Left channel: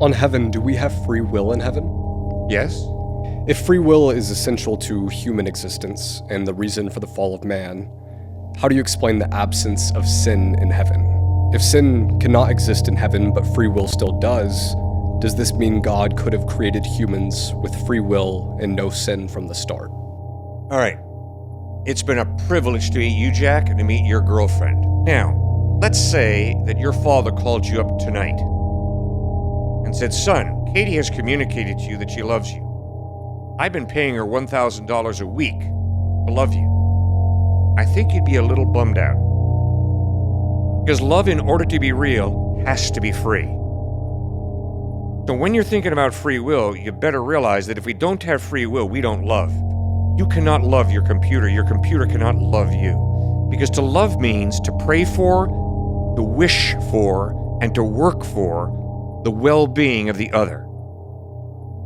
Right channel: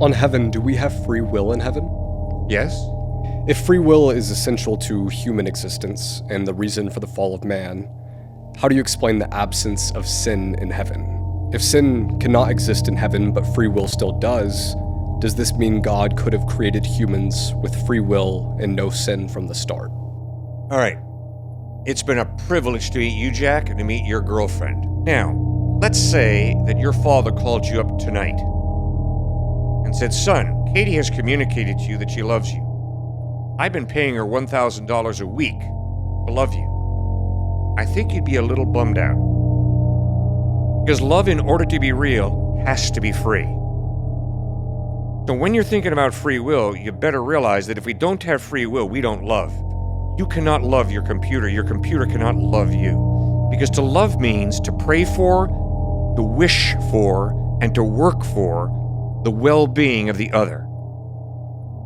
On heaven, do we have free will in heaven? Yes? If free will is essential to human existence and the reason for the fall of man, how do you explain the absence of sin in heaven? If sin cannot exist in heaven but free will still does this mean God could have created humans with free will and no sin from the start? All right. It's been a privilege to meet you, Jack, and to meet your girlfriend. Now, let's say that your father called you up tonight and said, "Son, Katie has communicated to you that she loves you. I've been paying her $1,000 a week to love you." I think you'd be a little bummed out. Because love, in order to be real, has to be free. So when you're thinking about free will, you better realize that if we don't have free will, we don't love. You cannot love your computer cannot love you. Because to love means to pray for, to wish for, and to work for the well-being of the other,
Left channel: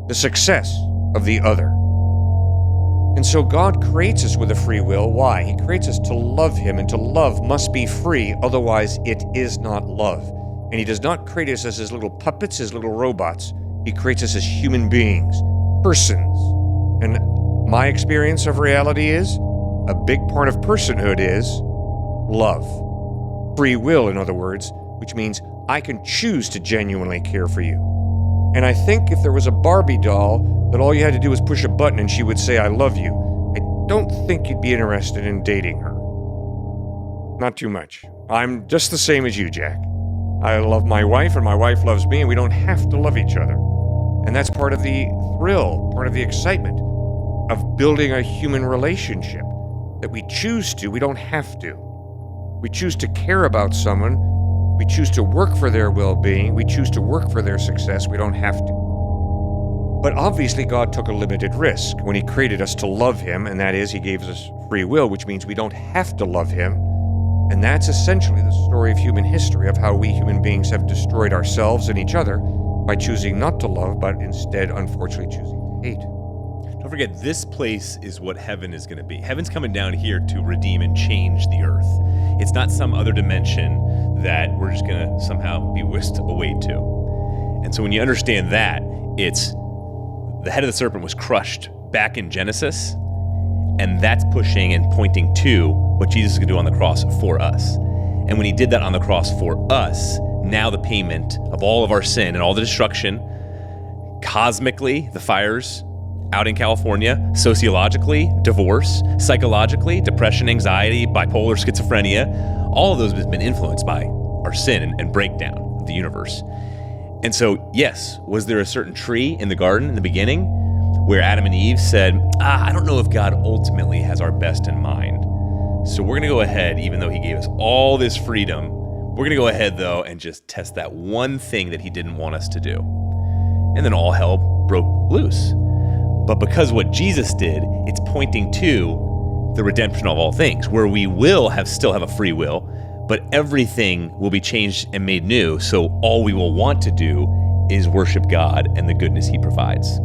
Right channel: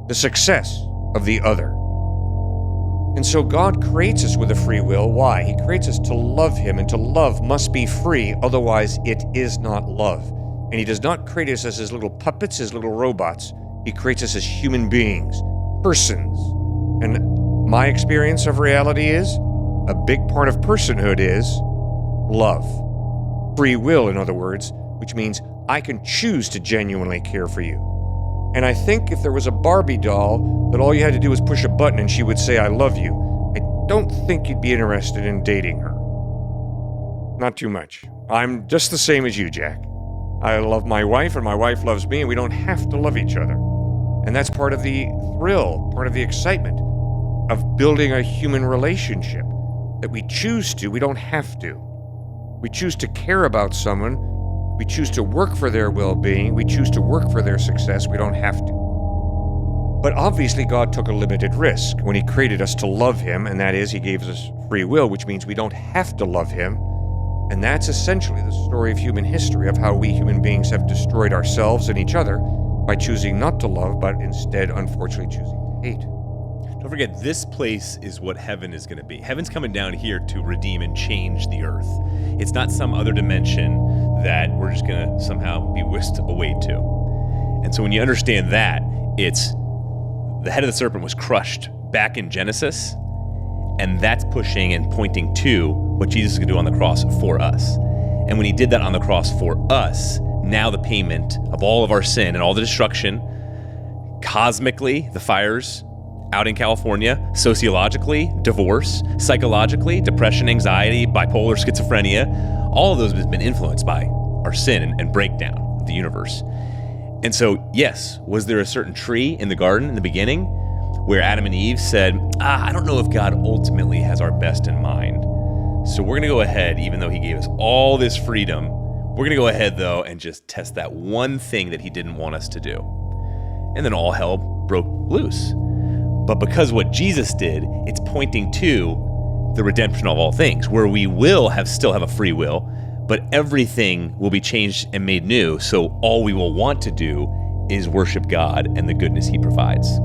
the success of the other. And so God creates us with a free will. Why? He creates us to love Him, and to love must be free, otherwise it is not love. And He does not create us as His little puppets, His little robots. He creates us as human beings, persons. And my experience of reality is, a big part of personhood is love. Free will, in other words, which means I can choose to genuinely care for you. And I think if there was a Barbie doll that all you had to do was push a button and she would say, "I love you," I don't think you'd be interested in dating her. Not too much. I'm just the same as you, Jack. I love my wife and my wife loves me, and we don't have to love each other. And that's part of the thrill, part of the excitement of building a human relationship, that we choose to, we don't have to. We choose to care about someone, we choose to work for their well-being, we choose to work for their success, we don't have to. But obviously God took a limited risk when He created us to love Him, and that is, He gave us free will, which means we don't have to love Him. And that's essentially the story of human history, of how we human beings have destroyed ourselves and each other by choosing not to love, but instead, unfortunately, choosing to hate. Don't forget, this place is what heaven is going to be. Heaven's coming down here to redeem and change the earth. It's not some other dimension that we're just going to somehow be whisked away to. And so when you understand that, it's the head of the serpent was crushed back in Genesis, and that's pushing and pointing to what Jesus is going to do on the cross for us. And when He did that on the cross for us, now the payment of all of our sin and all the destruction, cosmically, the fires out in California, sociologically, divorce, psychologically, depression, anxiety, bipolar, schizophrenia, all of those have been influenced by our sin and breakdown of the universe. And so, yes, was there a certain tree in the garden in the beginning where Adam and Eve said, I don't know if God ultimately has our best in mind. So we're going to go ahead, even though He gave us all this freedom, we're going to go ahead, though, and just test that one thing that He didn't want us to do. And then all hell broke loose. But because what Jesus did, it's pointing to the redemption of all things, where we will still have a free will, but everything will be changed and made new. So all we will want to do is worship God and the goodness He provides.